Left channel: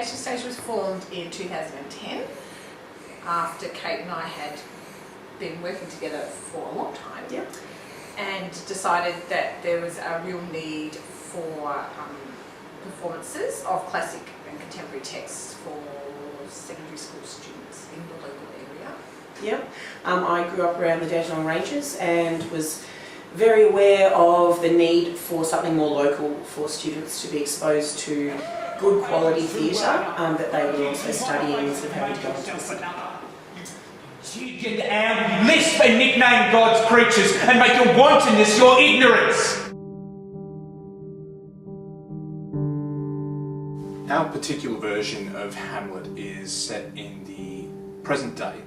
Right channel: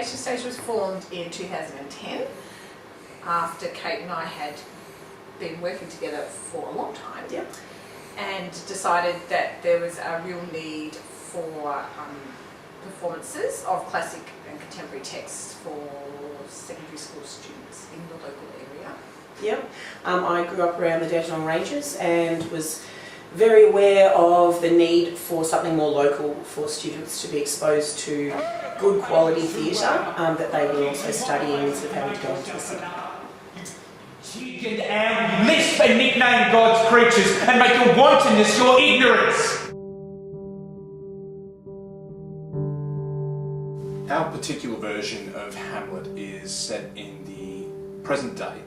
Page to Stage was formed in 2010 after Kate and I had been working together for a long time. Yep. And decided that there was a real need for performances of classic and contemporary texts for secondary school students in the local area. Yep. I grew up around the Dandenong Ranges and was very aware of the need for something more local for students to be exposed to good quality theatre that they were also studying instead of having to go into the city. You can lisp and nickname God's creatures and make your wantonness your ignorance. Our particular version of Hamlet is set in the present day,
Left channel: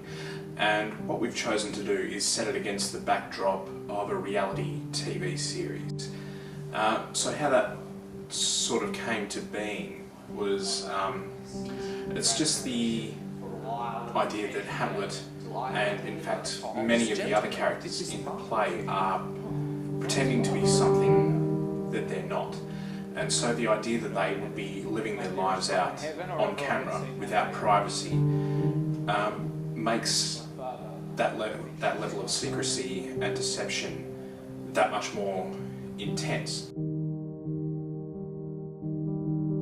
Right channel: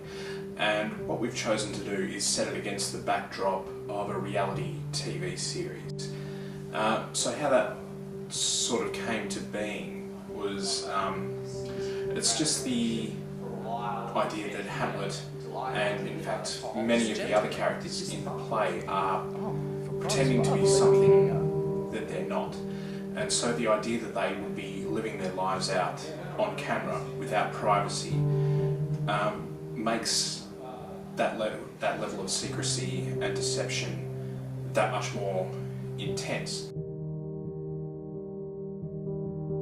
and what we've chosen to do is set it against the backdrop of a reality TV series. So how that sort of came to being was, it's just the idea that Hamlet, and in fact many of the other characters in the play, are pretending to be something that they're not. And so the idea that they would be living their lives out on camera without privacy makes that level of secrecy and deception that much more intense.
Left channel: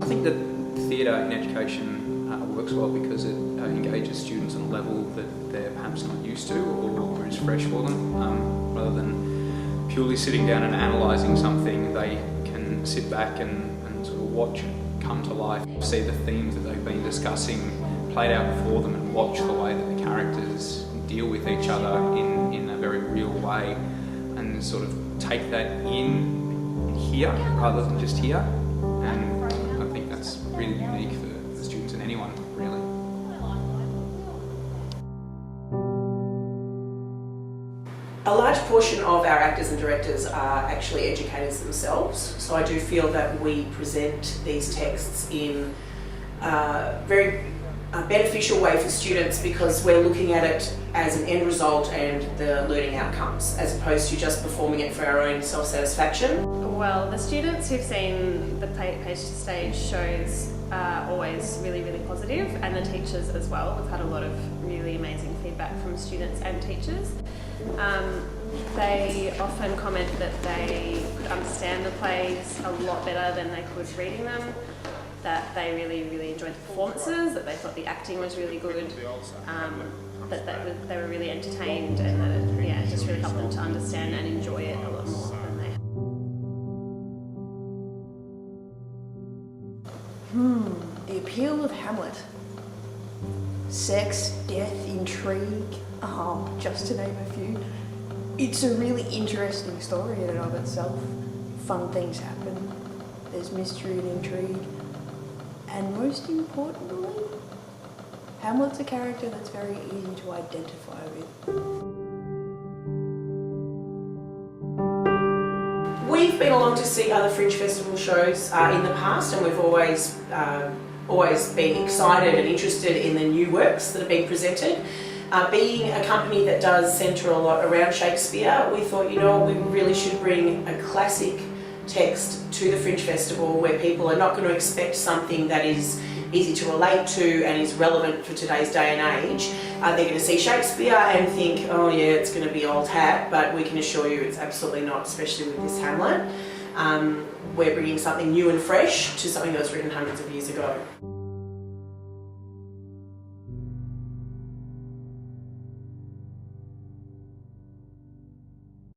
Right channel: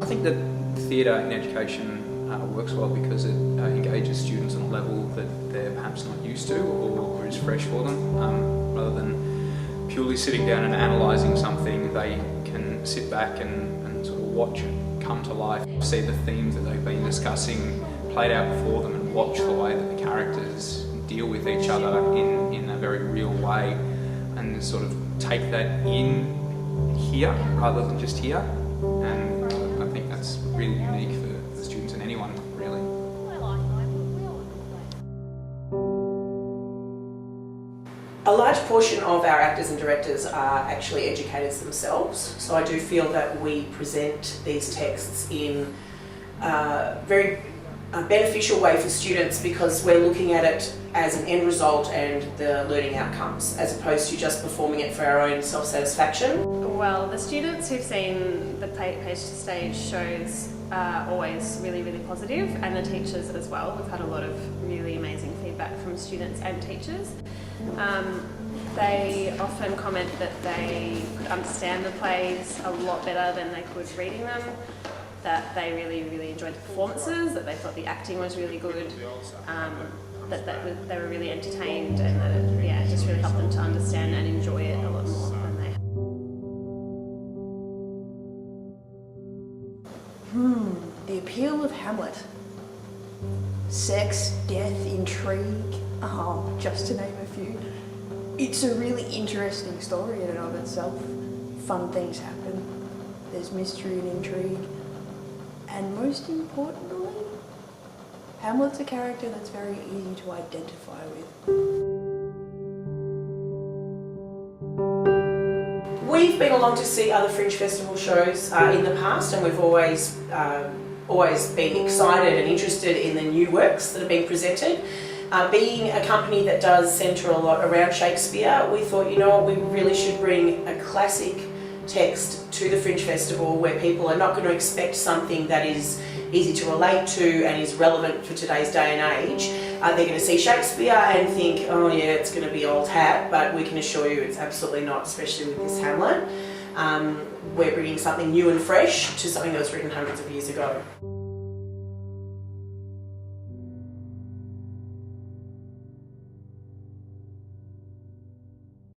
I think that theatre in education works well because it engages students on a level that they're perhaps not used to or is fresh for them. Rather than purely sitting down and analysing something, they can sit back and sort of watch it come to life, see the themes that they've been discussing played out before them, and watch the way that the characters deal with each other in a very real way, and sort of take that in here rather than just here. And I think that's really unique for the students and anyone, really. A large portion of our actors and directors are actually educators themselves, so I do feel that we present these texts in a very beneficial way for students because we're looking at it as an end result and the learning outcomes, as opposed to just performing it for our own self-satisfaction. Well, the students who've seen the Page to Stage shows are always really, really positive, and the teachers as well. We've had a lot of really amazing feedback from students and teachers. They often comment that they could understand the plays a lot better than they could reading them, that they really, really enjoyed the performances, that they thought the acting was really good, that they were really entertained, and that it just really helped them to understand and enjoy it a lot more than they have. The appeal of Hamlet. Sex, death, intrigue, just to name a few. It's a really interesting story in and of itself. Fun things happen, there's mystery and intrigue, and most importantly, Hamlet's a character that's very easy to identify with. We've been along to see other Fringe Festival shows in the past, and we've always been excited and interested in the new works that have been presented. Being a company that does centre a lot around Shakespeare, we thought, you know what, we really should bring a classic text to the Fringe Festival where people are not going to expect something that is easy to relate to and is relevant for today's day and age. They're going to see Shakespeare and think, oh yeah, it's going to be old hat, but we can assure you it's absolutely not, especially with this Hamlet. We're bringing something new and fresh to something that was written hundreds of years ago.